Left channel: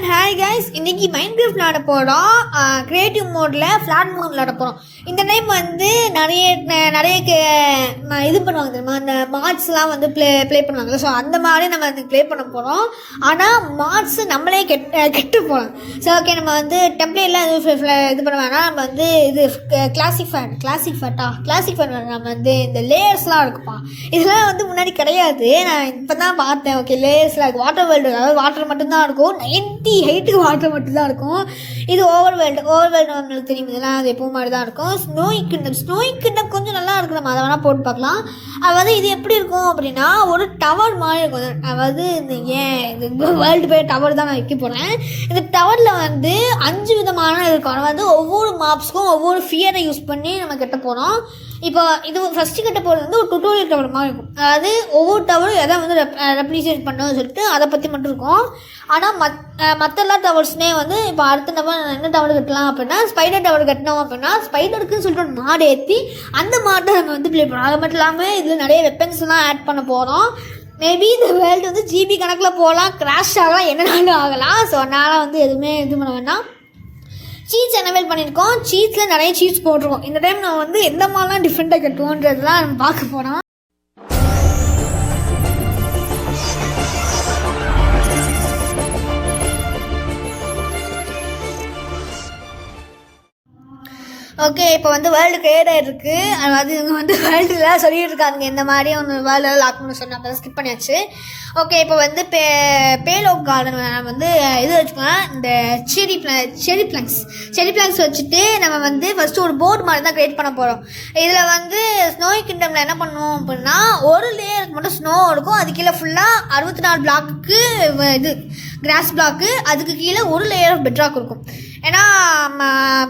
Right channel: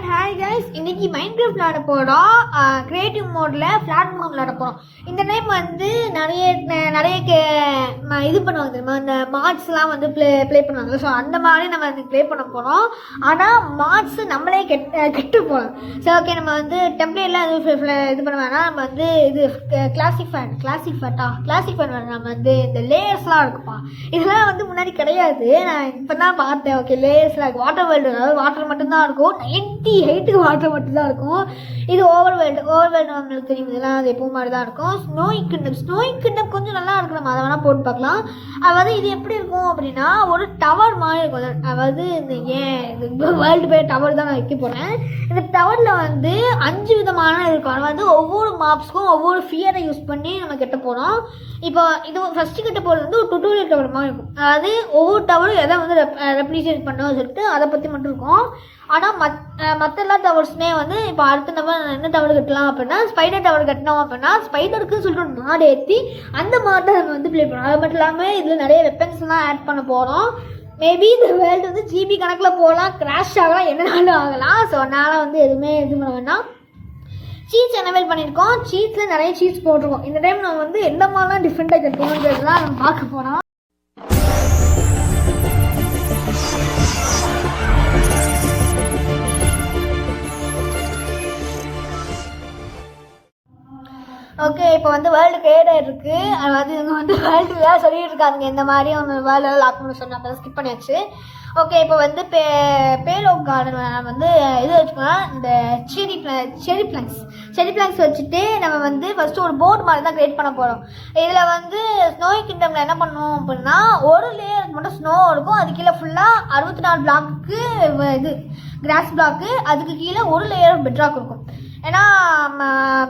And hi guys, இன்னைக்கு Minecraft விளையாட போகிறோம். கிரியேட்டிவ் மோடில் ஃப்ளாட் மோட் விளையாட போகிறோம். இந்த டைம் வந்து நிறைய இது பண்ணுவாங்க தெரியுமா, இந்த மார்ட்ஸ்லாம் வந்து ப்ளே பண்ணுவாங்க. ஸோ அந்த மாதிரி நம்ம வந்து ப்ளே பண்ண போகிறோம். ஆனால் மார்ட்ஸ் நம்மளே கெட்டு போகலாம். ஸோ ஓகே, நம்ம வந்து டெம்ப்ளேட்லாம் இது பண்ண வேணாம். நம்ம வந்து இது கிளாசிக் ஃபேட் நம்ம வந்து இந்த லேயர்ஸ்லாம் இருக்குப்பா. இதெல்லாம் வந்து முன்னாடி கிடையாது, நான் இப்போ தான் பார்த்தேன். ஓகே, லேயர்ஸ்லாம் இருக்குது. வாட்டர் வேர்ல்டு, அதாவது வாட்டர் மட்டும்தான் இருக்கும். 90 ஹைட்டுக்கு வாட்டர் மட்டும்தான் இருக்கும். இது ஓவர் வேர்ல்டு நம்மளுக்கு தெரியும். இதெல்லாம் அது எப்பவும் மாதிரி தான் இருக்கும். ஸ்னோய் கிண்டம் கொஞ்சம் நல்லா இருக்குது. நம்ம அதை வேணால் போட்டு பார்க்கலாம். அதாவது இது எப்படி இருக்கும் அப்படின்னா, ஒரு டவர் மாதிரி இருக்கும். அதாவது இந்த வேர்ல்டு பேர் டவர் தான் நான் வைக்க போகிறேன். இந்த டவரில் வந்து 5 விதமான இருக்கும். அதாவது ஒவ்வொரு மாப்ஸ்க்கும் ஒவ்வொரு ஃபியரை யூஸ் பண்ணி நம்ம கட்ட போகிறோம். இப்போ இது ஃபஸ்ட்டு கட்ட போகிறது வந்து ஒரு டுட்டோரியல் டவர் மாதிரி இருக்கும். அதாவது ஒவ்வொரு டவரும் எதை வந்து ரெப்ளிகேட் பண்ணணும்னு சொல்லிட்டு அதை பற்றி மட்டும் இருக்கும். ஆனால் மற்ற எல்லா டவர்ஸுமே வந்து இப்போ அடுத்த நம்ம என்ன டவர் கட்டலாம் அப்படின்னா, ஸ்பைடர் டவர் கட்டினோம் அப்படின்னா ஸ்பைடருக்குன்னு சொல்லிட்டு ஒரு மாடு ஏற்றி அந்த மாட்டை நம்ம வந்து ப்ளே பண்ணோம். அது மட்டும் இல்லாமல் இதில் நிறைய வெப்பன்ஸ்லாம் ஆட் பண்ண போகிறோம். மேபி இந்த வேர்ல்டு வந்து ஜிபி கணக்கில் போகலாம், கிராஷ் ஆகலாம், என்னென்னாலும் ஆகலாம். ஸோ அதனால் வந்து எதுவுமே இது பண்ண வேண்டாம். சீட்ஸ் எனேபிள் பண்ணியிருக்கோம். சீட்ஸில் நிறைய சீட்ஸ் போட்டிருக்கோம். இந்த டைம் நான் வந்து எந்த மாதிரிலாம் டிஃப்ரெண்ட்டாக கட்டுவோன்றதுலாம் நம்ம பார்க்க போகிறோம். ஓகே, இப்போ வந்து வேர்ல்டு கிரியேட் ஆகிருக்கு. அதாவது இவங்க வந்து வேர்ல்டுலாம் சொல்லிட்டு இருக்காங்க இந்த மாதிரி ஒன்று வேர்ல்டு லாக் பண்ண சொன்னால் அப்போ ஸ்கிப் பண்ணியாச்சு. ஓகே, இப்போ வந்து பேலோ கார்டன் வந்து இது வச்சுக்கலாம். இந்த செரி பிளான்ஸ் வச்சுட்டு நம்ம வந்து ஃபஸ்ட்டு ஒரு போர்டு மாதிரி தான் க்ரியேட் பண்ண போகிறோம். இதில் வந்து ஸ்னோய் கிங்டமில் என்ன பண்ணோம் அப்படின்னா, ஒரு லேயருக்கு மட்டும் ஸ்னோ இருக்கும். அது கீழே ஃபுல்லாக 64 பிளாக்கு இது கிராஸ் பிளாக்கு, அதுக்கு கீழே ஒரு லேயர் ஆஃப் பெட்ராக் இருக்கும். ஏன்னா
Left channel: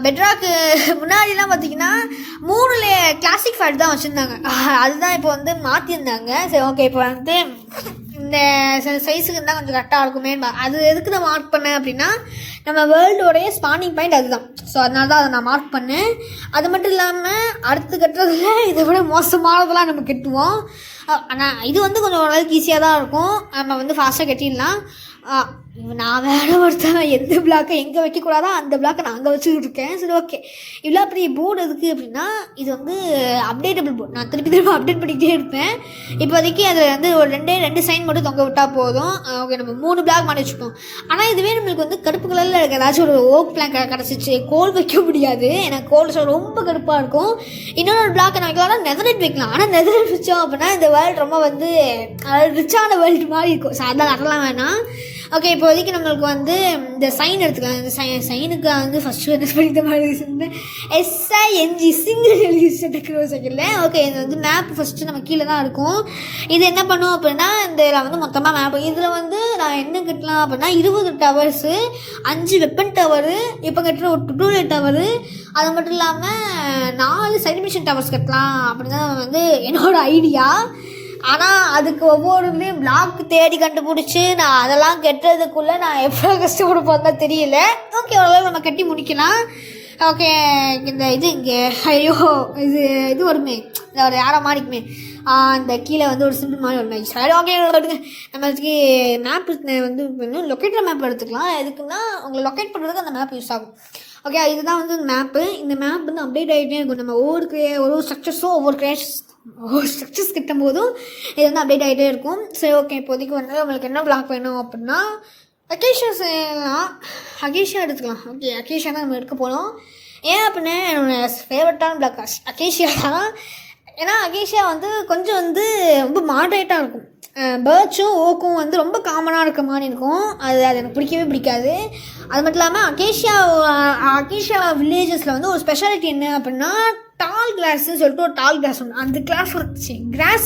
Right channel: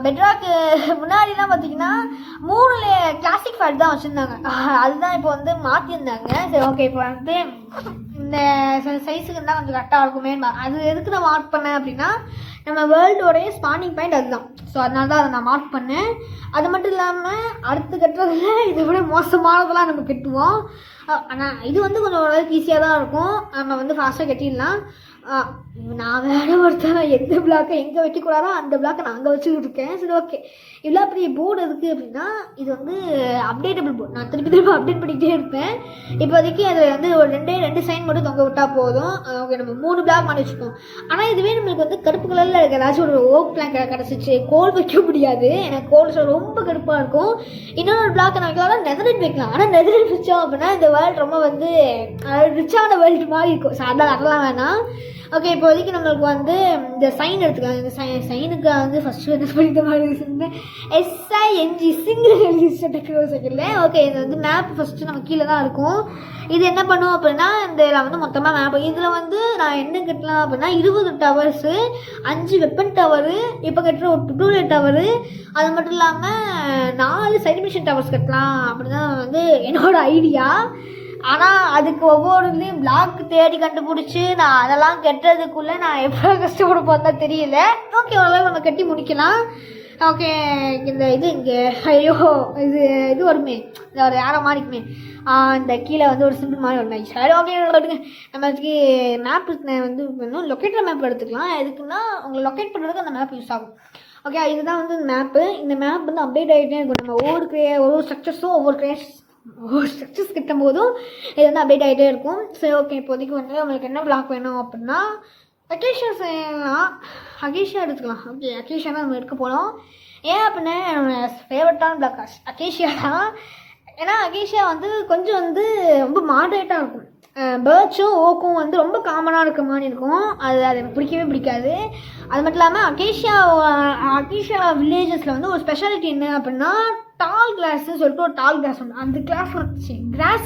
பெட்ராக்கு முன்னாடிலாம் பார்த்தீங்கன்னா 3 கிளாசிக் ஃபேட் தான் வச்சுருந்தாங்க. அதுதான் இப்போ வந்து மாற்றிருந்தாங்க. சரி ஓகே, இப்போ வந்து இந்த சைஸுக்கு இருந்தால் கொஞ்சம் கரெக்டாக இருக்குமே. அது எதுக்கு நான் மார்க் பண்ணேன் அப்படின்னா, நம்ம வேர்ல்டோடைய ஸ்பானிங் பாயிண்ட் அதுதான். ஸோ அதனால தான் அதை நான் மார்க் பண்ணேன். அது மட்டும் இல்லாமல் அடுத்து கட்டுறதுல இதை விட மோசமானதெல்லாம் நம்ம கட்டுவோம். ஆனால் இது வந்து கொஞ்சம் ஓரளவுக்கு ஈஸியாக தான் இருக்கும். நம்ம வந்து ஃபாஸ்ட்டாக கட்டிடலாம். நான் வேறு ஒருத்தன் எந்த பிளாக்கை எங்கே வைக்கக்கூடாதோ அந்த பிளாக்கை நான் அங்கே வச்சுக்கிட்டு இருக்கேன். சரி ஓகே, இவ்வளோ பெரிய போர்டு எதுக்கு அப்படின்னா, இது வந்து அப்டேட்டபிள் போர்டு. நான் திருப்பி அப்டேட் பண்ணிக்கிட்டே இருப்பேன். இப்போதைக்கு அது வந்து ஒரு ரெண்டு சைன் மட்டும் தொங்க விட்டால் போதும். ஓகே, நம்ம 3 பிளாக் மாதிரி வச்சுப்போம். ஆனால் இதுவே நம்மளுக்கு வந்து கடுப்பு கலரில் இருக்க ஏதாச்சும் ஒரு ஓக் பிளாக் கிடச்சிச்சு, கோல் வைக்க முடியாது. எனக்கு கோல் ரொம்ப கடுப்பாக இருக்கும். இன்னொரு பிளாக்கை நான் வைக்கலாம், நெதரைட் வைக்கலாம். ஆனால் நெதரைட் வச்சோம் அப்படின்னா இந்த வேர்ல்டு ரொம்ப வந்து ரிச்சான வேர்ல்டு மாதிரி இருக்கும். ஸோ அதெல்லாம் அதெல்லாம் வேணாம். ஓகே, இப்போதைக்கு நம்மளுக்கு வந்து இந்த சைன் எடுத்துக்கலாம். இந்த சைனுக்கு வந்து ஃபஸ்ட்டு என்ன படித்த மாதிரி இருந்தேன், SING சிங்கிள் செகண்டில். ஓகே, இது வந்து மேப் ஃபஸ்ட்டு நம்ம கீழே தான் இருக்கும். இது என்ன பண்ணுவோம் அப்படின்னா, இந்த வந்து மொத்தமாக மேப் இதில் வந்து நான் என்ன கட்டலாம் அப்படின்னா, 20 டவர்ஸு, 5 வெப்பன் டவரு, இப்போ கட்டுற ஒரு டுட்டோரியல் டவரு, அது மட்டும் இல்லாமல் 4 சைட் மிஷன் டவர்ஸ் கட்டலாம் அப்படி தான் வந்து என்னோடய ஐடியா. ஆனால் அதுக்கு ஒவ்வொருலேயும் பிளாக் தேடி கண்டுபிடிச்சி நான் அதெல்லாம் கட்டுறதுக்குள்ளே நான் எவ்வளோ கஷ்டப்பட தான் தெரியல. ஓகே, ஓரளவு நம்ம கட்டி முடிக்கலாம். ஓகே, இந்த இது இங்கே ஐயோ இது வருமே, ஒரு யாரை மாறிக்குமே, அந்த கீழே வந்து ஒரு சிம்பிள் மாதிரி வருமே. சரி ஓகே, நம்மளுக்கு மேப் வந்து லொக்கேட்டர் மேப் எடுத்துக்கலாம். எதுக்குன்னா உங்களை லொக்கேட் பண்ணுறதுக்கு அந்த மேப் யூஸ் ஆகும். ஓகே, இதுதான் வந்து மேப்பு. இந்த மேப் வந்து அப்டேட் ஆகிட்டே இருக்கும். நம்ம ஒவ்வொரு ஸ்ட்ரக்சர்ஸும் ஒவ்வொரு ஸ்ட்ரக்சர்ஸ் கிட்டும் போதும் இது வந்து அப்டேட் ஆகிட்டே இருக்கும். சரி ஓகே, இப்போதைக்கு வந்து உங்களுக்கு என்ன பிளாக் வேணும் அப்படின்னா, அகேஷியா எடுத்துக்கலாம். ஓகே, அகேஷியா தான் நம்ம எடுக்க போகிறோம். ஏன் அப்படின்னா என்னோடய ஃபேவரட்டான பிளாக் அகேஷியா தான். ஏன்னா அகேஷியா வந்து கொஞ்சம் வந்து ரொம்ப மாடரேட்டாக இருக்கும். பேர்ட்ஸும் ஓக்கும் வந்து ரொம்ப காமனாக இருக்க மாதிரி இருக்கும். அது எனக்கு பிடிக்கவே பிடிக்காது. அது மட்டும் இல்லாமல் அகேஷியா வில்லேஜஸில் வந்து ஒரு ஸ்பெஷாலிட்டி என்ன அப்படின்னா, டால் கிளாஸ்ன்னு சொல்லிட்டு ஒரு டால் கிளாஸ் ஒன்று, அந்த கிராஸ்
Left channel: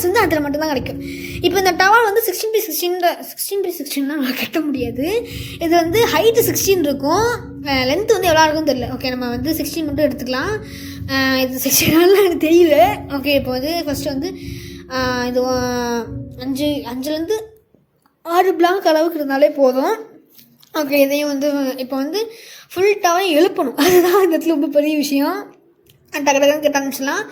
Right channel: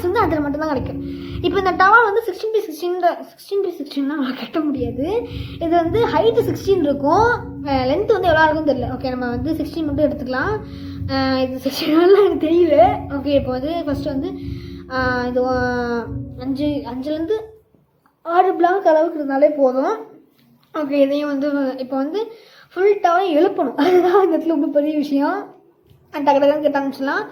வந்து அதில் மட்டும்தான் கிடைக்கும். இப்போ இந்த டவர் வந்து 16x16 நம்ம கட்ட முடியாது. இது வந்து ஹைட்டு 16 இருக்கும், லென்த்து வந்து எவ்வளோ இருக்குன்னு தெரியல. ஓகே, நம்ம வந்து 16 மட்டும் எடுத்துக்கலாம். இது 16 எனக்கு தெரியல. ஓகே, இப்போ வந்து ஃபஸ்ட்டு வந்து இது 5லேருந்து 6 பிளாக் அளவுக்கு இருந்தாலே போதும். ஓகே, இதையும் வந்து இப்போ வந்து ஃபுல் டவர் எழுப்பணும். அதுதான் இந்த இடத்துல ரொம்ப பெரிய விஷயம். டக்கு கிட்ட ஆரம்பிச்சிடலாம்.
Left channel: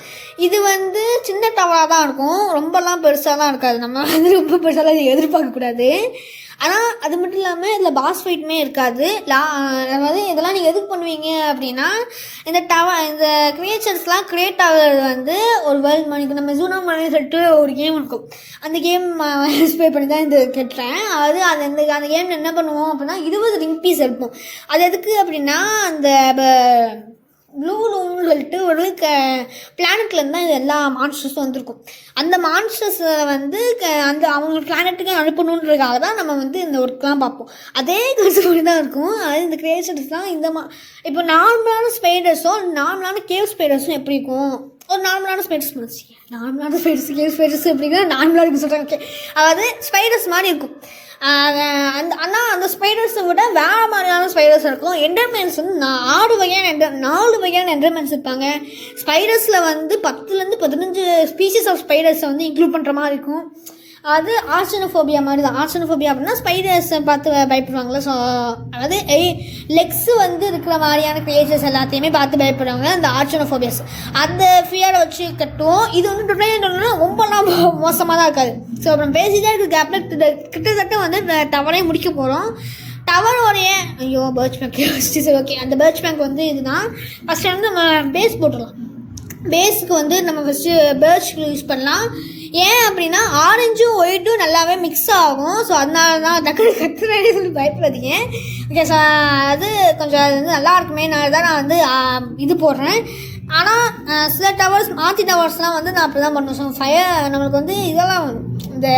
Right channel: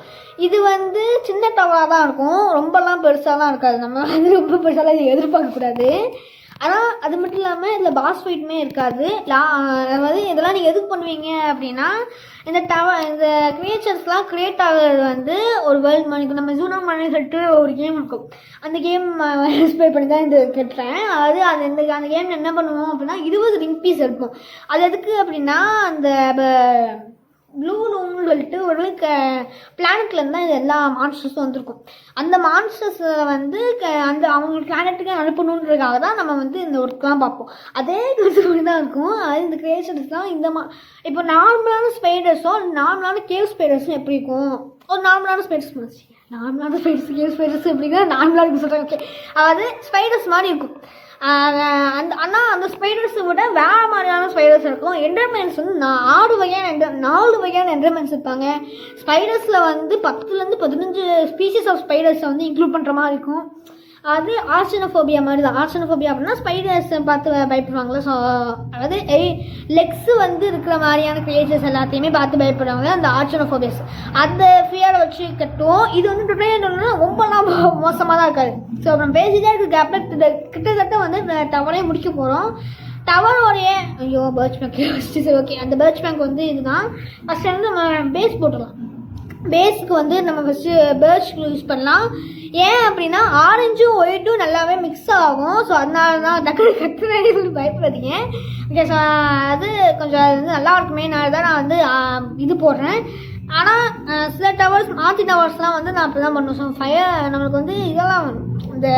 இது வந்து சின்ன டவராக தான் இருக்கும், ரொம்பலாம் பெருசாலாம் இருக்காது. நம்ம வந்து ரொம்ப பெருசாலாம் எதிர்பார்க்கக்கூடாது. ஆனால் அது மட்டும் இல்லாமல் இதில் பாஸ் ஃபைட்டுமே இருக்காது. அதாவது இதெல்லாம் நீங்கள் எதுக்கு பண்ணுவீங்க அப்படின்னா, இந்த கிரியேச்சர்ஸ்லாம் கிரியேட் ஆகிறது வந்து ஒரு வேர்ல்டு மணிக்கு நம்ம ஜூனோ மணி சொல்லிட்டு ஒரு கேம் இருக்கும். அந்த கேம் இன்ஸ்பயர் பண்ணி தான் இது கேட்டுறேன். அதாவது அந்த கேம் என்ன பண்ணுவோம் அப்படின்னா 20 ரிங் பீஸ் எடுப்போம். அது எதுக்கு அப்படின்னா அந்த ப்ளூ லூன்னு சொல்லிட்டு ஒரு பிளானட்லேருந்து தான் இது எல்லா மான்ஸ்டர்ஸும் வந்திருக்கும். அந்த மான்ஸ்டர்ஸை வந்து அந்த அவங்க பிளானட்டுக்கு அனுப்பணுன்றதுக்காக தான் நம்ம வந்து இந்த ஒர்க்லாம் பார்ப்போம். அதே கருத்து தான் இருக்கும். அது இந்த கிரியேச்சர்ஸ்லாம் இப்போ நார்மலான ஸ்பைடர்ஸும் நார்மலான கேவ் ஸ்பைடர்ஸும் எப்படி இருக்கும்? ஒரு நார்மலான ஸ்பைடர்ஸ் கேவ் ஸ்பைடர்ஸ் எப்படின்னா நார்மலாக இருக்கும் சொல்கிறேன். ஓகே, அதாவது ஸ்பைடர்ஸ் மாதிரி இருக்கும். ஆனால் அந்த ஸ்பைடர்ஸை விட வேறு மாதிரியான ஸ்பைடர்ஸ் இருக்கும். என்டர்மென்ஸ் வந்து 4 வகையான என்டர்மென்ஸ் இருப்பாங்க. ஸ்பைடர்ஸில் வந்து 10 to 15 ஸ்பீஷிஸ் ஆஃப் ஸ்பைடர்ஸை வந்து இன்க்ளூட் பண்ணுற மாதிரி இருக்கும். அது ஆர்ச்சனோஃபோபியா மாதிரி தான். ஆர்ச்சனோஃபோபியா அப்படின்னா ஸ்பைடர்ஸை பார்த்து பயப்படுவாங்களே. ஸோ அதாவது லெக்ஸ் வந்து இருக்கிற மாதிரியான கிரியேச்சர்ஸ் எல்லாத்தையுமே பார்த்து பயப்படுவாங்க அந்த ஆர்ச்சனோஃபோபியாஸ். அந்த ஃபியரை வச்சு கட்டுவோம். இது வந்து டுடே ரொம்பலாம் மோசமாக தான் இருக்காது. ஸோ அப்புறம் பேசிதான் இருக்குது கேப்ல கிட்டத்தட்ட வந்து டவரே முடிக்க போகிறோம். டவரோடைய பேர்ச் பேங்க் சரி ஓகே. அந்த பேர்ச் பேங்க் வந்து இதுதான். ஃபஸ்ட்டு வந்து நம்ம பேஸ் போட்டுடலாம். பேஸுக்கு வந்து நம்ம ஃபஸ்ட்டு பேர்ச் யூஸ் பண்ணலாம். ஏன் அப்படின்னா ஆரஞ்சும் ஒயிட்டும் நல்லாவே மிக்ஸ் ஆகும். ஸோ அதனால தான் டக்குனு கத்துறேன்னு சொல்லி பயப்படாதீங்க. ஓகே, ஸோ அது கொஞ்சம் அது வந்து நல்லா இருக்குமேனால தான் நான் வந்து இது போடுறேன். ஆனால் சில மாற்றி டவர்ஸ்லாம் வந்து நான் அப்படி தான் பண்ணுவேன். ஸோ நம்மளுக்கு வந்து இதெல்லாம் இந்த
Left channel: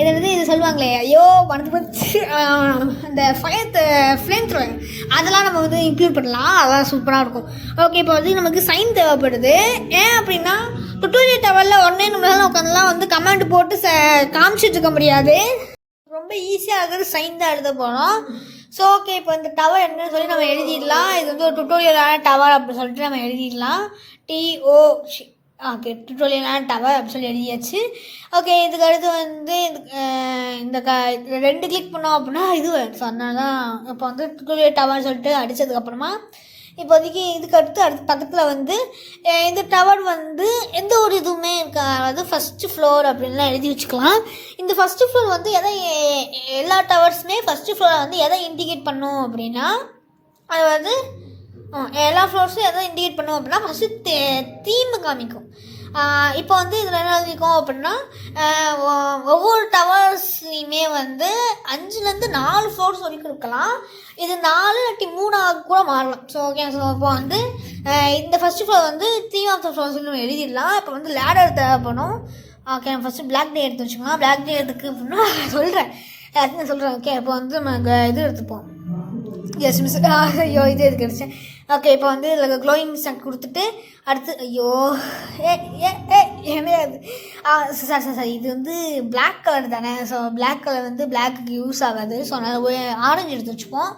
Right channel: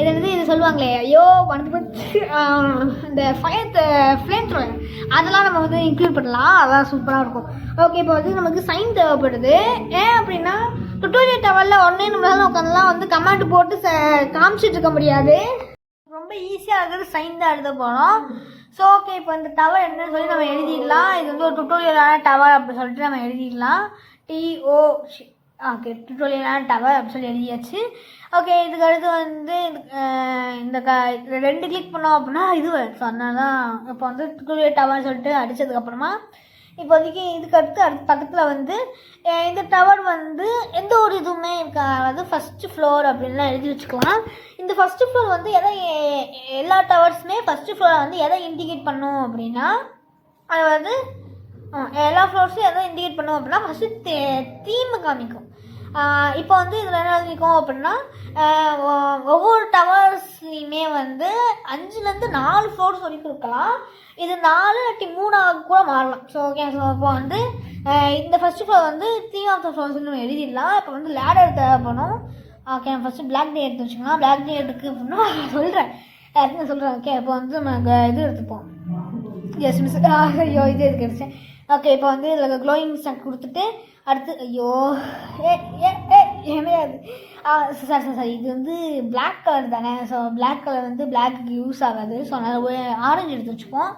இது வந்து இது சொல்லுவாங்களே, ஐயோ வந்து இந்த ஃப்ளேம் த்ரோயர் அதெல்லாம் நம்ம வந்து இன்க்ளூட் பண்ணலாம். அதெல்லாம் சூப்பராக இருக்கும். ஓகே, இப்போ வந்து நமக்கு சைன் தேவைப்படுது. ஏன் அப்படின்னா டுட்டோரியல் டவரில் உடனே நம்மளால உட்காந்துலாம் வந்து கமாண்ட் போட்டு காமிச்சிட்டு இருக்க முடியாது. ரொம்ப ஈஸியாக இருக்கிறது சைன் தான் எழுத போகிறோம். ஸோ ஓகே, இப்போ இந்த டவர் என்னன்னு சொல்லி நம்ம எழுதிடலாம். இது வந்து ஒரு டுட்டோரியலான டவர் அப்படின்னு சொல்லிட்டு நம்ம எழுதிடலாம். ஓகே, டுட்டோரியலான டவர் அப்படின்னு சொல்லி எழுதியாச்சு. ஓகே, இதுக்கு அடுத்து வந்து இந்த 2 கிளிக் பண்ணோம் அப்படின்னா இது ஸோ அதனால தான் இப்போ வந்து டுட்டோரியல் டவர்னு சொல்லிட்டு அடித்ததுக்கப்புறமா இப்போதைக்கு இதுக்கு அடுத்து பக்கத்தில் வந்து இந்த டவர் வந்து எந்த ஒரு இதுவுமே இருக்காது. அதாவது ஃபஸ்ட்டு ஃப்ளோர் அப்படின்லாம் எழுதி வச்சுக்கலாம். இந்த ஃபஸ்ட்டு ஃப்ளோர் வந்து எல்லா டவர்ஸுமே ஃபஸ்ட்டு ஃப்ளோரை வந்து எதை இண்டிகேட் பண்ணும் அப்படின்னா, அது வந்து எல்லா ஃப்ளோர்ஸும் எதை இண்டிகேட் பண்ணும் அப்படின்னா ஃபஸ்ட்டு தீமை காமிக்கும். இப்போ வந்து இதில் என்ன எழுதிக்கும் அப்படின்னா ஒவ்வொரு டவர்ஸ்லையுமே வந்து 5 to 4 ஃப்ளோர்ஸ் வரைக்கும் இருக்கலாம். இது 4 இல்லாட்டி 3 கூட மாறலாம். ஸோ ஓகே, ஸோ இப்போ வந்து இந்த ஃபஸ்ட்டு ஃப்ளோர் வந்து தீம் ஆஃப் த ஃப்ளோர்ஸ் நம்ம எழுதிடலாம். இப்போ வந்து லேடர் தேவைப்படும். ஓகே, நான் ஃபஸ்ட்டு பிளாக் டே எடுத்து வச்சுக்கலாம். பிளாக் டே எடுத்துக்கு அப்படின்னா சொல்கிறேன். ஓகே, இப்போ வந்து நம்ம இது எடுத்துப்போம். எஸ் மிஸ் ஐயோ இது எதுக்கு கிடச்சேன். ஓகே, இப்போ வந்து இதில் க்ளோயிங் ஸ்டாக் கொடுத்துட்டு அடுத்து சாரி இது வந்து பிளாக் கலர் தானே. ஸோ பிளாக் கலர் வந்து பிளாக்கு யூஸ் ஆகாது. ஸோ அதனால் ஆரஞ்சு எடுத்து வச்சுப்போம்.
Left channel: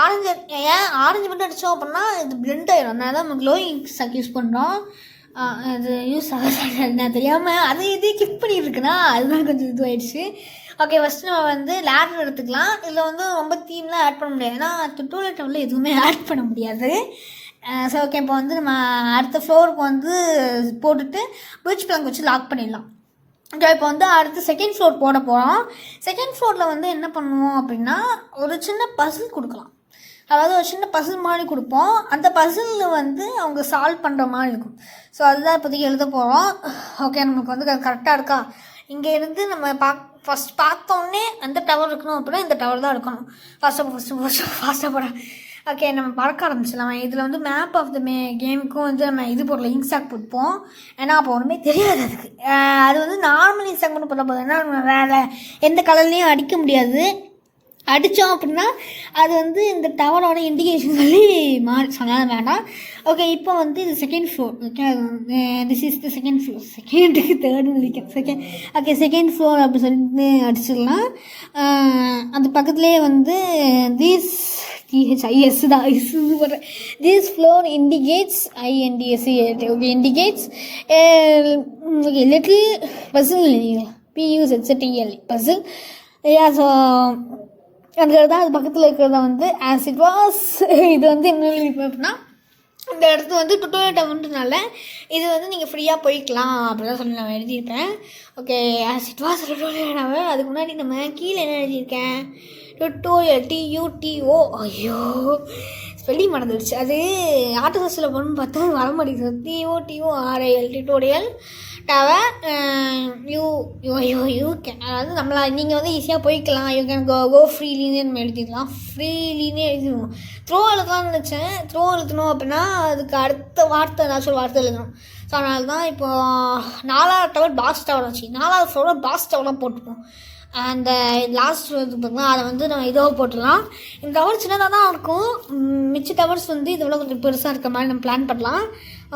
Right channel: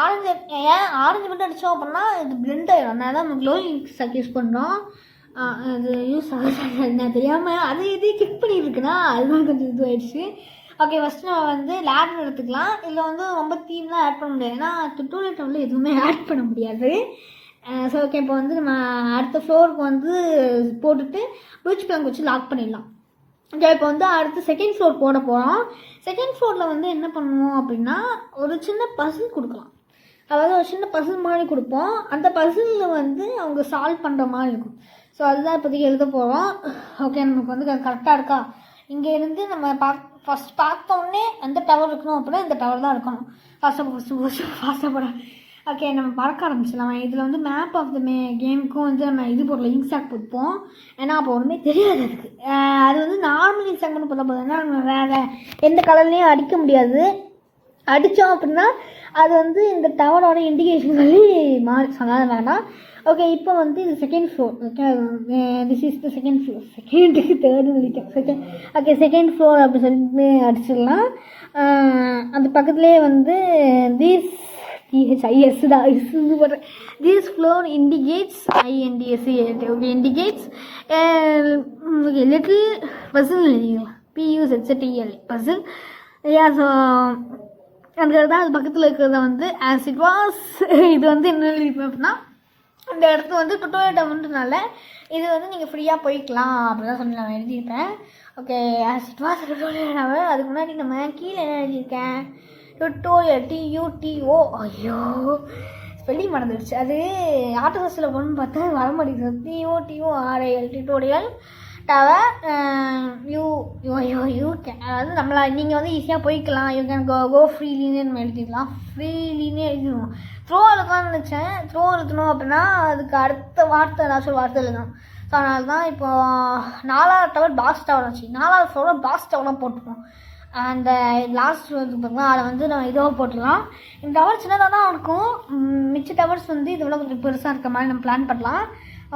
ஆரஞ்சு மட்டும் அடித்தோம் அப்படின்னா இது பிளெண்ட் ஆகிடும். அதனால தான் நம்ம க்ளோயிங் ஸ்டாக் யூஸ் பண்ணுறோம். அது யூஸ் ஆகாது நான் தெரியாமல் அது இது கிளிக் பண்ணிட்டுருக்குன்னா அதுதான் கொஞ்சம் இதுவாகிடுச்சு. ஓகே, ஃபஸ்ட்டு நம்ம வந்து லேடர் எடுத்துக்கலாம். இதில் வந்து ரொம்ப தீம்லாம் ஆட் பண்ண முடியாது. ஏன்னா டுட்டோரியல் டவரில் எதுவுமே ஆட் பண்ண முடியாது. ஸோ ஓகே, இப்போ வந்து நம்ம அடுத்த ஃப்ளோருக்கு வந்து போட்டுட்டு பீச் பிளாங்க் வச்சு லாக் பண்ணிடலாம். ஓகே, இப்போ வந்து அடுத்து செகண்ட் ஃப்ளோர் போட போகிறோம். செகண்ட் ஃப்ளோரில் வந்து என்ன பண்ணுவோம் அப்படின்னா ஒரு சின்ன பசில் கொடுக்கலாம். அதாவது ஒரு சின்ன பசில் மாதிரி கொடுப்போம். அந்த பசிலில் வந்து அவங்க சால்வ் பண்ணுற மாதிரி இருக்கும். ஸோ அதுதான் இப்போதைக்கு எழுத போகிறோம். ஓகே, நமக்கு வந்து கரெக்டாக இருக்கா? இங்கே இருந்து நம்ம ஃபஸ்ட் பார்த்தோன்னே அந்த டவர் இருக்கணும் அப்படின்னா இந்த டவர் தான் இருக்கணும். ஃபாஸ்ட்டாக போட. ஓகே, நம்ம பறக்க ஆரம்பிச்சிடலாம். இதில் வந்து மேப் ஆஃப் த கேமுக்கும் வந்து நம்ம இது போடல, இன்ஸ்டாக் போட்டுப்போம். ஏன்னா அப்போ ஒன்றுமே தெரியாது அதுக்கு. அது வந்து நார்மல் இன்ஸ்டாக் ஒன்று போட போதும். ஏன்னா நம்ம வேறு எந்த கலர்லேயும் அடிக்க முடியாது. அடித்தோம் அப்படின்னா அது வந்து இந்த டவரோட இண்டிகேஷன் சொல்லி மாறி சொன்னாலும் வேணாம். ஓகே, இப்போ வந்து இது second floor. Okay, this is the second floor. தேர்டுன்னு நினைக்கிறேன். ஓகே, செகண்ட் ஃப்ளோர் அப்படி சொல்லிட்டு அடிச்சிடலாம். அது பக்கத்துலேயே வந்து THIS தான் போடுறேன். This floor indicates INDSE. Okay, indicates okay little puzzle எழுதிக்கலாம். PUZZEL பசில். ஸோ அதுக்காக தான் அது பக்கத்தில் இருக்கிறத வந்து ஆஸ் இட் வாஸ் இது வந்து என்ன எழுதிப்பேன் அப்படின்னா இந்த இடத்துல வந்து டுட்டோரியல் டவுன்றனால இது வந்து நீங்கள் ஃப்ரீயாக போய்க்கலாம் அப்படிதான் சொல்லி நான் எழுதியிருப்பேன். Okay, as it was tutorial tower. அதுக்கு முன்னாடி நம்ம கீழே என்ன எழுதியிருக்கேன், டுட்டோரியல் TUTO. ஐயோ ஸ்பெல்லிங் மறந்துடுச்சு. அது ஆட்டோஸில் போகணுன்னு பார்த்தா வர மாட்டேங்குது. TOTORIL tutorial tower you can, அதாவது நம்மளா நீங்கள் வந்து ஈஸியாக போய்க்கலாம். யூ கேன் கோ ஃப்ரீலின்னு நம்ம எழுதிக்கலாம். ஃப்ரீலின்னே எழுதிடுவோம். த்ரோ எழுதலாம்னு நினச்சேன். த்ரோ எழுதணும் அப்படின்னா அதுக்கு அடுத்த வார்த்தை ஏதாச்சும் ஒரு வார்த்தை எழுதணும். ஸோ அதனால தான் இப்போது 4வது டவர் பாஸ் டவர் வச்சு 4வது ஃப்ளோரில் பாஸ் டவர்லாம் போட்டுப்போம். அந்த லாஸ்ட் வந்து பார்த்தீங்கன்னா அதை வந்து நம்ம இதோ போட்டுடலாம். இந்த டவர் சின்னதாக தான் இருக்கும். மிச்ச டவர்ஸ் வந்து இதை விட கொஞ்சம் பெருசாக இருக்க மாதிரி நம்ம பிளான் பண்ணலாம்.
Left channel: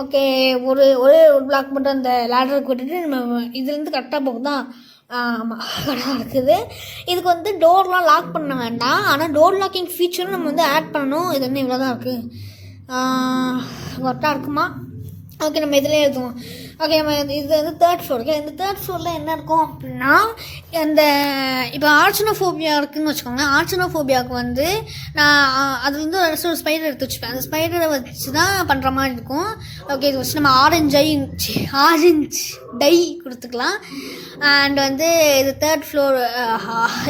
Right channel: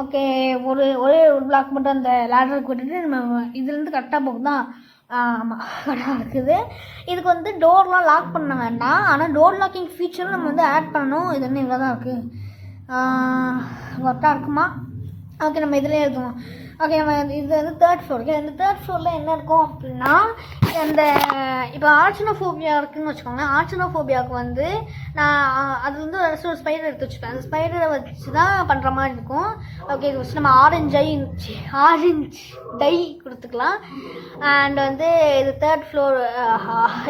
ஓகே, ஒரு பிளாக் மட்டும் அந்த லேடரை கூட்டிட்டு நம்ம இதுலேருந்து கரெக்டாக போகுதா? ஆமாம், கரெக்டாக இருக்குது. இதுக்கு வந்து டோர்லாம் லாக் பண்ண வேண்டாம். ஆனால் டோர் லாக்கிங் ஃபீச்சரும் நம்ம வந்து ஆட் பண்ணணும். இது என்ன இவ்வளோ தான் இருக்குது, கரெக்டாக இருக்குமா? ஓகே, நம்ம இதில் எழுதுவோம். ஓகே, நம்ம இது வந்து 3rd ஃப்ளோர். ஓகே, இந்த 3rd ஃப்ளோரில் என்ன இருக்கும் அப்படின்னா, அந்த இப்போ ஆர்ச்சனோஃபோபியா இருக்குதுன்னு வச்சுக்கோங்களேன். ஆர்ச்சனோஃபோபியாவுக்கு வந்து நான் அது வந்து ஒரு ஸ்பைடர் எடுத்து வச்சுப்பேன். அந்த ஸ்பைடரை வச்சு தான் பண்ணுற மாதிரி இருக்கும். ஓகே, இது வச்சு நம்ம ஆரஞ்சு டை கொடுத்துக்கலாம். அண்ட் வந்து இது 3rd ஃப்ளோர்.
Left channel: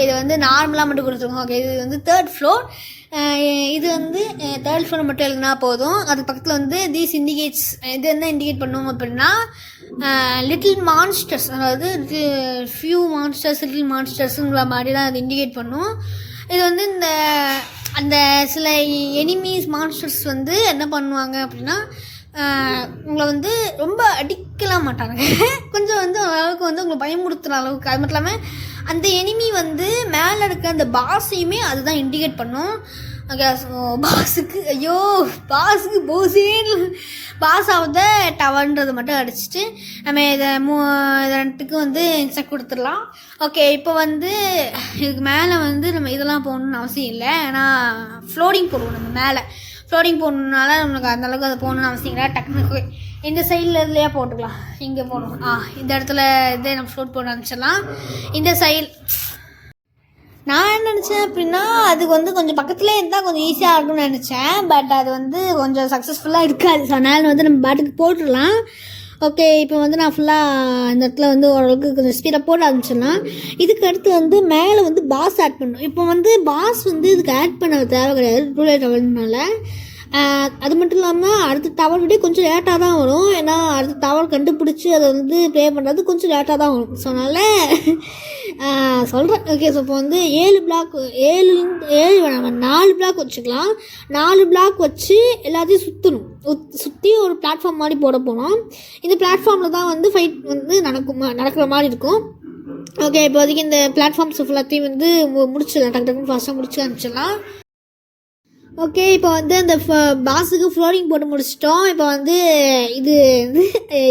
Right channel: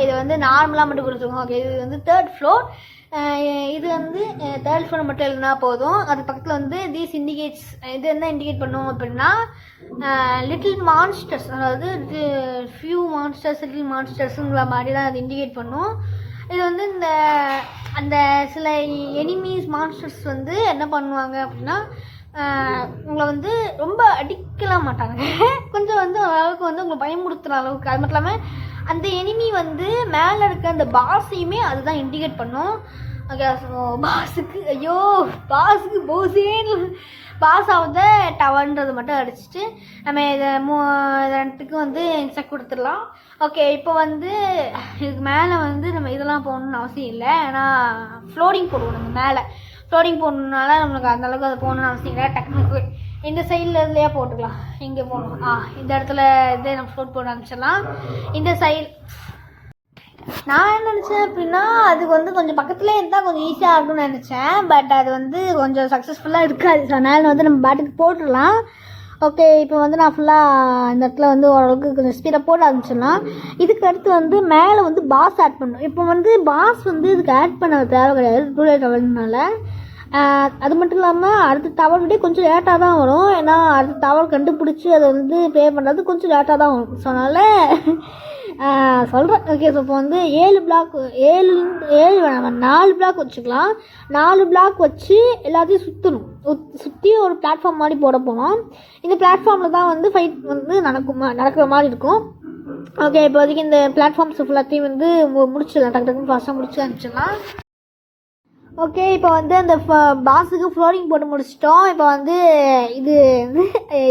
இதை வந்து நார்மலாக மட்டும் கொடுத்துருக்கோம். ஓகே, இது வந்து 3rd ஃப்ளோர். இது வந்து 3rd ஃப்ளோர் மட்டும் எழுதினா போதும். அது பக்கத்தில் வந்து தீஸ் இண்டிகேட்ஸ், இது என்ன இண்டிகேட் பண்ணுவோம் அப்படின்னா லிட்டில் மான்ஸ்டர்ஸ், அதாவது ஃபியூ மான்ஸ்டர்ஸ், லிட்டில் மான்ஸ்டர்ஸுங்கிற மாதிரி தான் அது இண்டிகேட் பண்ணும். இது வந்து இந்த அந்த சில எனிமீஸ் மான்ஸ்டர்ஸ் வந்து என்ன பண்ணுவாங்க அப்படின்னா உங்களை வந்து ரொம்ப அடிக்கலாம் மாட்டாங்க. கொஞ்சம் வந்து அளவுக்கு வந்து உங்களை பயமுறுத்துகிற அளவுக்கு. அது மட்டும் இல்லாமல் அந்த எனிமி வந்து மேலே இருக்க அந்த பாஸையுமே அதுதான் இண்டிகேட் பண்ணும். ஓகே, ஸோ பாஸுக்கு போசேன்னு பாஸ் ஆகுத டவர்ன்றது மட்டும் அடிச்சுட்டு நம்ம இதை 2த்துக்கு வந்து இன்ஸ்ட்ரக்ட் கொடுத்துடலாம். ஓகே, இப்போ வந்து இதுக்கு மேலே வந்து நம்ம இதெல்லாம் போகணுன்னு அவசியம் இல்லை. ஏன்னா ஃப்ளோரிங் போடுவோம். நம்ம மேலே ஃப்ளோரிங் போடணுன்னால நம்மளுக்கு அந்தளவுக்கு அதை போகணுன்னு அவசியம் இல்லை. டக்குனுக்கு இந்த சைடில் இதுலையே போட்டுக்கலாம். இங்கே போடணும். இந்த இடத்துல இதே நம்ம ஃப்ளோட் போட ஆரம்பிச்சிடலாம். இந்த சைடு நான் என்ன நினச்சேன் அப்படின்னா அதுக்கு வந்து கொஞ்சம் பக்கத்துலேயே இருந்தால் கொஞ்சம் ஈஸியாக இருக்கும்னு நினச்சேன். பட் அது வந்து கொஞ்சம் சக்ஸஸ்ஃபுல்லாக இருக்காது. ஸோ அதனால் வந்து நம்ம பாட்டுக்கு போட்டுடலாம். ஓகே, இப்போ வந்து நான் ஃபுல்லாக இந்த இடத்துல வந்து ஓரளவுக்கு கொஞ்சம் ஸ்பீடாக போட ஆரம்பிச்சிடலாம். இதுக்கு அடுத்து வந்து மேலே வந்து பாஸ் ஆட் பண்ணணும். இப்போ வந்து பாஸ் வந்து இதுக்கு ஆட் பண்ண தேவை கிடையாது டுட்டோரியல் டவர்னால. அது மட்டும் இல்லாமல் அடுத்த டவர் விட கொஞ்சம் லேட்டாக தான் வரும். ஏன்னா அடுத்த டவர் கண்டுபிடிச்சி அதை வந்து ப்ளே பண்ணுறது கொஞ்சம் லேட்டாக தான் வரும். ஸோ அதனால் சொல்கிறேன். ஓகே, ஸோ இப்போ வந்து 7 வேணாம், 4 பிளாக் வச்சுக்கலாம். 4 பிளாக் வச்சு எல்லாத்தையும் சுற்றி ஒரு பிளாட்ஃபார்ம் மாதிரி போட போனோம். இந்த பிளாட்ஃபார்மில் தான் வந்து ஃபைட் வந்து நடக்கிற மாதிரி இருக்கும். ஓகே, இப்போதைக்கு இந்த பிளாட்ஃபார்ம்ஸ் ஃபுல்லாத்தையும் வந்து முடிச்சிடலாம். டக்குன்னு ஃபாஸ்ட்டாக முடிச்சு அனுப்பிச்சிடலாம். ஓகே, இப்போ வந்து அந்த பாஸுக்கு ஃப்ளோரிங் போட்டு முடிச்சிட்டோம். இப்போ வந்து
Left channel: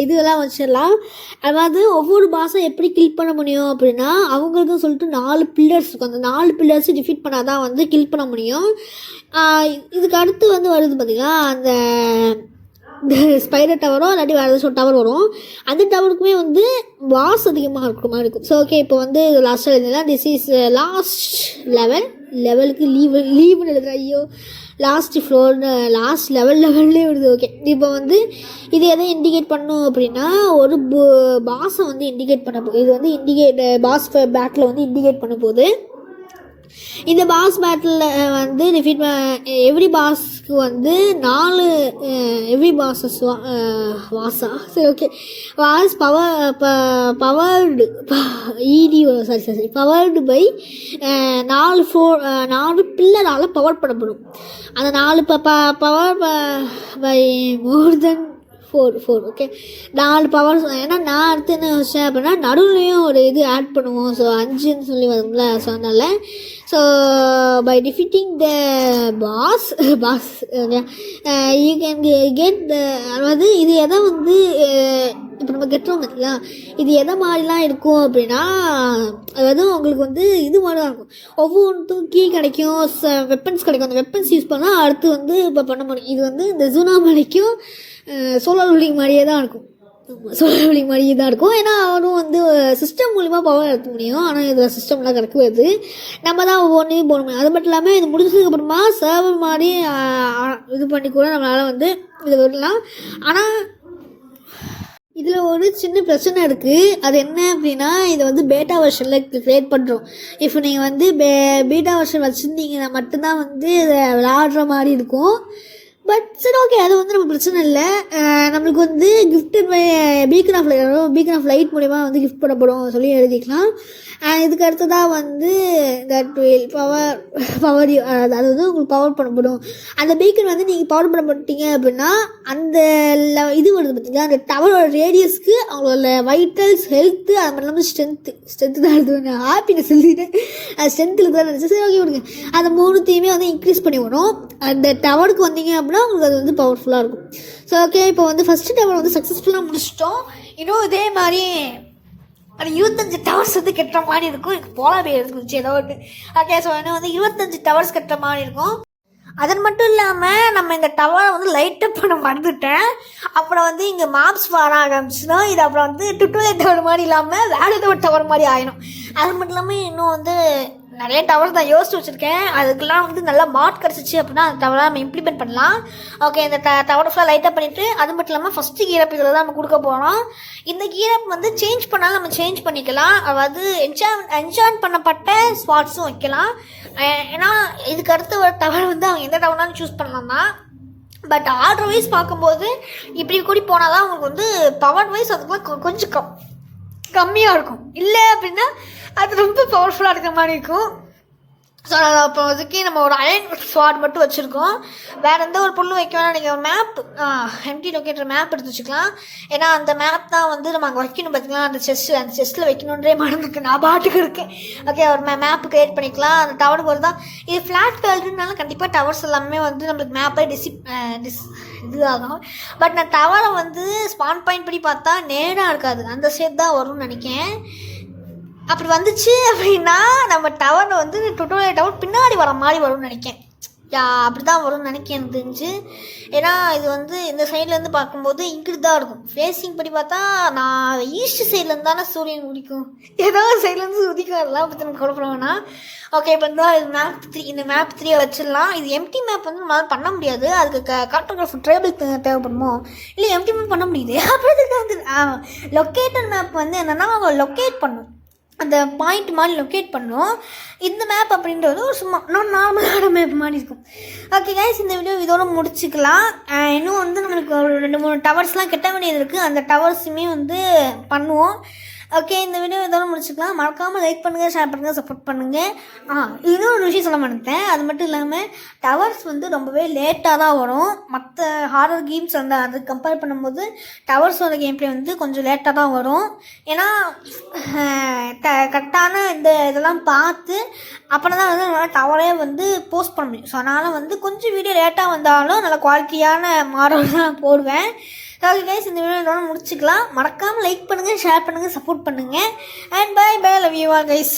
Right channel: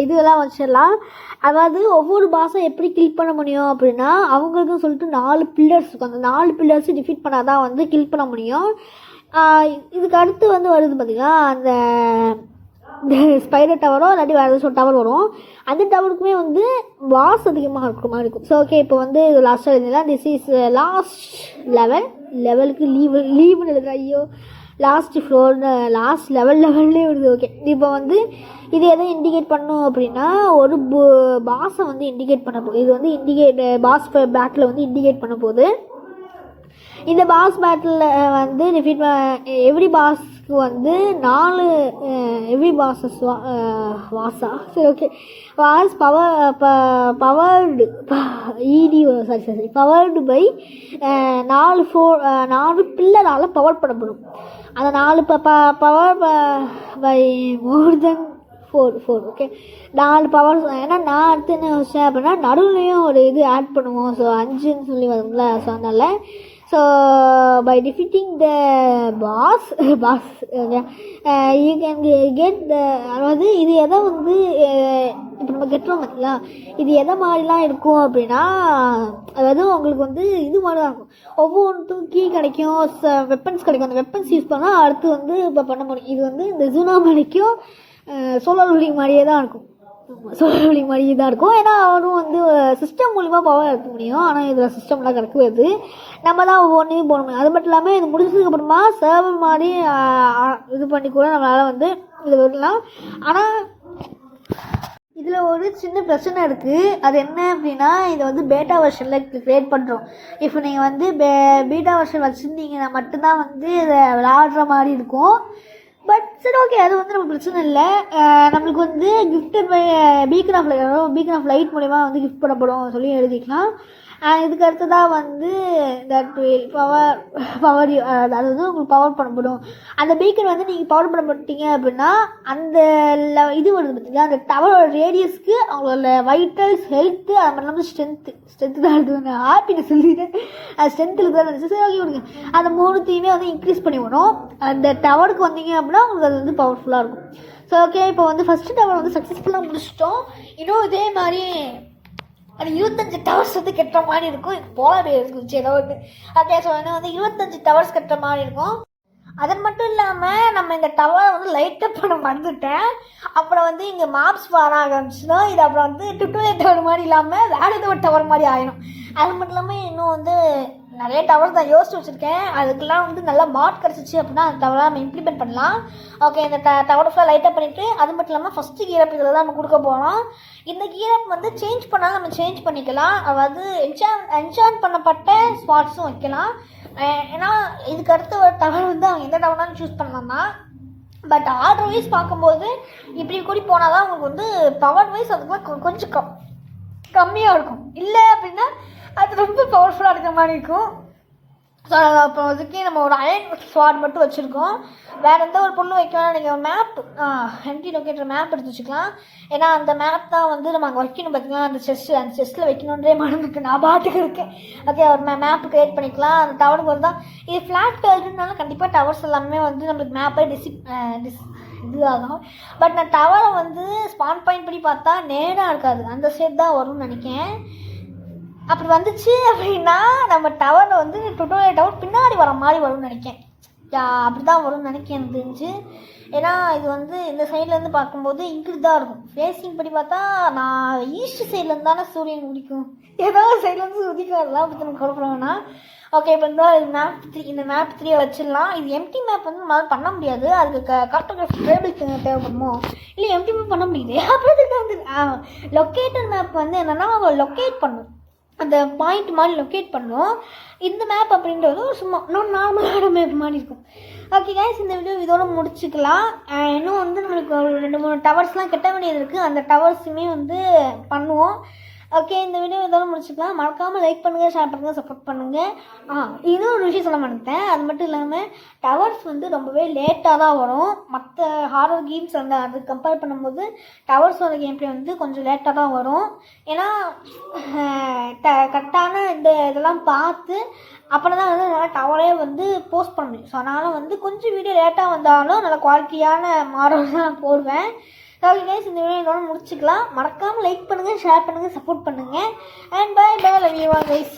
இதெல்லாம் வச்சிடலாம். அதாவது ஒவ்வொரு பாஸை எப்படி கில் பண்ண முடியும் அப்படின்னா அவங்களுக்கும் சொல்லிட்டு 4 பில்லர்ஸ் இருக்கும். அந்த 4 பில்லர்ஸை டிஃபீட் பண்ணால் தான் வந்து கில் பண்ண முடியும். இதுக்கு அடுத்து வந்து வருது பார்த்திங்கன்னா அந்த ஸ்பைடர் டவரோ இல்லாட்டி வேறு ஏதாச்சும் டவர் வரும். அந்த டவருக்குமே வந்து பாஸ் அதிகமாக இருக்கிற மாதிரி இருக்கும். ஸோ ஓகே, இப்போ வந்து லாஸ்ட்டாக எழுதிடலாம். திஸ் இஸ் லாஸ்ட் லெவலுக்கு லீவுன்னு எழுதுற. ஐயோ, லாஸ்ட் ஃப்ளோர்னு லாஸ்ட் லெவல்லே விடுது. ஓகே, இப்போ வந்து இது எதை இண்டிகேட் பண்ணும் அப்படின்னா ஒரு பாஸை வந்து இண்டிகேட் பண்ண போகுது. இது வந்து பாஸ் பேட்டில் வந்து இண்டிகேட் பண்ண போகுது. இந்த பாஸ் பேட்டிலில் வந்து எவ்ரி பாஸ்க்கு வந்து 4 எவ்ரி பாஸஸ் வாஸா சரி okay was powered powered by 4 பில்லரால் பவர் பண்ணப்படும். அந்த 4 power by more then 4 okay 4 powers. ஏன்னா நான் அடுத்து என்ன யோசிச்சேன் அப்படின்னா நடுவுலையும் ஒரு இது ஆட் பண்ணுவோம். ஸோ 5ன்னு சொல்லி வரும்ல. ஸோ அதனால் so by defeating the boss okay you can get அதாவது இது எதை வந்து இப்போ நம்ம கெட்டுறோம் பார்த்தீங்களா, இது எதை மாதிரிலாம் இருக்கும் அப்படின்னா அதாவது உங்களுக்கு வந்து இது மாதிரி தான் இருக்கும். ஒவ்வொன்றுக்கும் கீ கிடைக்கும், வெப்பன்ஸ் கிடைக்கும். அந்த வெப்பன்ஸ் யூஸ் பண்ணால் அடுத்து வந்து இப்போ பண்ண முடியும். இது வந்து இந்த ஜூனா மலைக்கும் சோலார் ரூலிங் மாதிரியே தான் இருக்கும். சோலார் ஒளி மாதிரி தான் இருக்கும். ஏன்னா அவரும் வந்து சிஸ்டம் மூலிமா பவர் எடுக்க முடியும். ஆனால் இதில் சிஸ்டம்லாம் கிடைக்காது, நம்ம தான் ஒவ்வொன்றையும் போடணும். அது மட்டும் இல்லாமல் இது முடிச்சதுக்கப்புறமா சர்வர் மாதிரி இது பண்ணி கூட நம்மளால் வந்து இது வரலாம். ஆனால் இதில் ஒரு சின்ன பிரச்சனை இருக்குது. அது என்ன அப்படின்னா, இதை வந்து பேட்டா வெர்ஷனில் க்ரியேட் பண்ணுறோம். இப்போ நீங்கள் வந்து பீட்டா வெர்ஷன் வச்சுருந்தீங்கன்னா மட்டும்தான் வந்து இதை விளாடுற மாதிரி இருக்கும். பட் சரி, ஓகே, அது வந்து நமக்கு பிரச்சனை இல்லை. நம்மளுக்கு வந்து gifted by beacon of light மூலிமா வந்து கிஃப்ட் பண்ணப்படும் சொல்லி எழுதிக்கலாம். இதுக்கு அடுத்ததாக வந்து தட் வில் பவர் அது வந்து உங்களுக்கு பவர் பண்ணப்படும். அந்த பீக்கன் வந்து நீங்கள் பவர் பண்ணப்பட்டீங்க அப்படின்னா அந்த இது வருது பார்த்தீங்கன்னா, அந்த டவரோட ரேடியஸ்க்கு அவங்களோட வைட்டல்ஸ், ஹெல்த்து, அது மட்டும் இல்லாமல் ஸ்ட்ரென்த்து தான் எழுதுவேன், ஹாப்பினஸ் எழுதிட்டேன், அது ஸ்ட்ரென்த்தில் தான் இருந்துச்சு. சரி, ஓகே விடுங்க. அந்த 3த்தையுமே வந்து இன்க்ரீஸ் பண்ணி விடும். அந்த டவருக்கு வந்தீங்க அப்படின்னா உங்களுக்கு அது வந்து பவர்ஃபுல்லாக இருக்கும். ஸோ ஓகே, இப்போ வந்து ஃபஸ்ட்டு டவர் வந்து சக்ஸஸ்ஃபுல்லாக முடிச்சிட்டோம். இன்னும் இதே மாதிரி அது 25 டவர்ஸ் வந்து கட்டுற மாதிரி இருக்கும். எனக்கு போலாவே இருந்துச்சு ஏதோ ஒன்று. ஓகே, ஸோ இன்னும் வந்து 25 டவர்ஸ் கட்டுற மாதிரி இருக்கும். அதன் மட்டும் இல்லாமல் நம்ம இந்த டவரை வந்து லைட்டப் பண்ண மறந்துட்டேன். அப்புறம் வந்து இங்கே மேப்ஸ் வர ஆரம்பிச்சுன்னா இது அப்புறம் வந்து டுட்டோரியல் டவர் மாதிரி இல்லாமல் வேறு ஏதோ ஒரு டவர் மாதிரி ஆயிடும். அது மட்டும் இல்லாமல் இன்னும் வந்து நிறைய டவர்ஸ் நான் யோசிச்சு வச்சுருக்கேன். அதுக்கெல்லாம் வந்து நல்லா மாட் கிடச்சிச்சு அப்படின்னா அந்த டவரை நம்ம இம்ப்ளிமெண்ட் பண்ணலாம். ஓகே, இந்த டவரை ஃபுல்லாக லைட்டாக பண்ணிவிட்டு அது மட்டும் இல்லாமல் ஃபஸ்ட்டு கீரப் இதில் தான் நம்ம கொடுக்க போகிறோம். இந்த கீரப் வந்து சேஞ்ச் பண்ணாலும் நம்ம சேஞ்ச் பண்ணிக்கலாம். அதாவது என்ஜான் பண்ணப்பட்ட ஸ்பாட்ஸும் வைக்கலாம். ஏன்னா இதுக்கு அடுத்த ஒரு டவர் வந்து அவங்க எந்த டவர்னாலும் சூஸ் பண்ணலாம்னா. பட் ஆர்டர் வைஸ் பார்க்கும்போது இப்படி கூடி போனால் தான் அவங்களுக்கு வந்து பவர் வைஸ் அதுக்குலாம் கொஞ்சம் கம்மியாக இருக்கும். இல்லை அப்படின்னா அது ரொம்ப பவர்ஃபுல்லாக இருக்கிற மாதிரி இருக்கும். ஸோ அப்போ அதுக்கே நம்ம ஒரு அயன் ஸ்வாட் மட்டும் வச்சுருக்கோம். வேறு எந்த ஒரு பொருளும் வைக்க வேணாம். நீங்கள் மேப் எம்டி லொக்கேட்டர் மேப் எடுத்து வச்சுக்கலாம். ஏன்னா அந்த மேப் தான் வந்து நம்ம அங்கே வைக்கணும். பார்த்திங்கன்னா அந்த செஸ்ட்டில் வைக்கணுன்றே மறந்துருக்கு, நான் பாட்டுக்கு இருக்கேன். ஓகே, ஒரு மேப் க்ரியேட் பண்ணிக்கலாம். அந்த டவருக்கு ஒரு தான் இது ஃப்ளாட் வேர்ல்டுனால கண்டிப்பாக டவர்ஸ் எல்லாமே வந்து நம்மளுக்கு மேப்பை இதுவாகும். பட் நான் டவரை வந்து ஸ்பான் பாயிண்ட் படி பார்த்தா நேராக இருக்காது, அந்த சைட் தான் வரும்னு நினைக்கிறேன். அப்படி வந்துச்சு அப்படின்னா நம்ம டவரை வந்து டுட்டோரியல் டவர் பின்னாடி வர மாதிரி வரும்னு நினைக்கிறேன். அப்படி தான் வரும்னு நினைக்கிறேன் எனக்கு தெரிஞ்சு. ஏன்னா இது வந்து இந்த சைட்லேருந்து பார்க்கும்போது இங்கிட்டு தான் இருக்கும். ஃபேஸிங் படி பார்த்தா நான் ஈஸ்ட் சைட்லேருந்து தானே சூரியன் உதிக்கும், ஏதாவது சைட்லேருந்து உதிக்கும், அதெல்லாம் பற்றி நம்ம குழப்பம்னா. ஓகே, இப்போ வந்து இந்த மேப் 3 வச்சிடலாம். இது எம்டி மேப் வந்து நம்மளால் பண்ண முடியாது. அதுக்கு கார்ட்டோகிராஃபி ட்ரேபிள் தேவைப்படுமோ இல்லை எம்டி மேப் பண்ண முடியுது. அப்புறம் வந்து லொக்கேட்டர் மேப் வந்து என்னென்னா லொக்கேட் பண்ணும், அந்த பாயிண்ட் மாதிரி லொக்கேட் பண்ணோம். இந்த மேப் அப்படின்றது ஒரு சும்மா நார்மலான மேப் மாதிரி இருக்கும். ஓகே கைஸ், இந்த வீடியோ இதோட முடிச்சுக்கலாம். இன்னும் வந்து நம்மளுக்கு ஒரு 2-3 டவர்ஸ்லாம் கட்ட வேண்டியது இருக்குது. அந்த டவர்ஸுமே வந்து பண்ணுவோம். ஓகே, இந்த வீடியோ இதோட முடிச்சுக்கலாம். மறக்காமல் லைக் பண்ணுங்கள், ஷேர் பண்ணுங்கள், சப்போர்ட் பண்ணுங்கள். இன்னும் ஒரு விஷயம் சொல்ல மாட்டேன். அது மட்டும் இல்லாமல் டவர்ஸ் வந்து ரொம்பவே லேட்டாக தான் வரும். மற்ற ஹாரர் கேம்ஸ் வந்து அது கம்பேர் பண்ணும்போது டவர்ஸோட கேம் பிளே வந்து கொஞ்சம் லேட்டாக தான் வரும். ஏன்னா கரெக்டான இதெல்லாம் பார்த்து அப்புறம் தான் வந்து நல்லா டவரே வந்து போஸ்ட் பண்ண முடியும். ஸோ அதனால் வந்து கொஞ்சம் வீடியோ லேட்டாக வந்தாலும் நல்ல குவாலிட்டியான மாடல் தான் போடுவேன். ஓகே கைஸ், இந்த வீடியோ முடிச்சுக்கலாம். மறக்காமல் லைக் பண்ணுங்கள், ஷேர் பண்ணுங்கள், சப்போர்ட் பண்ணுங்கள். And bye love you all guys.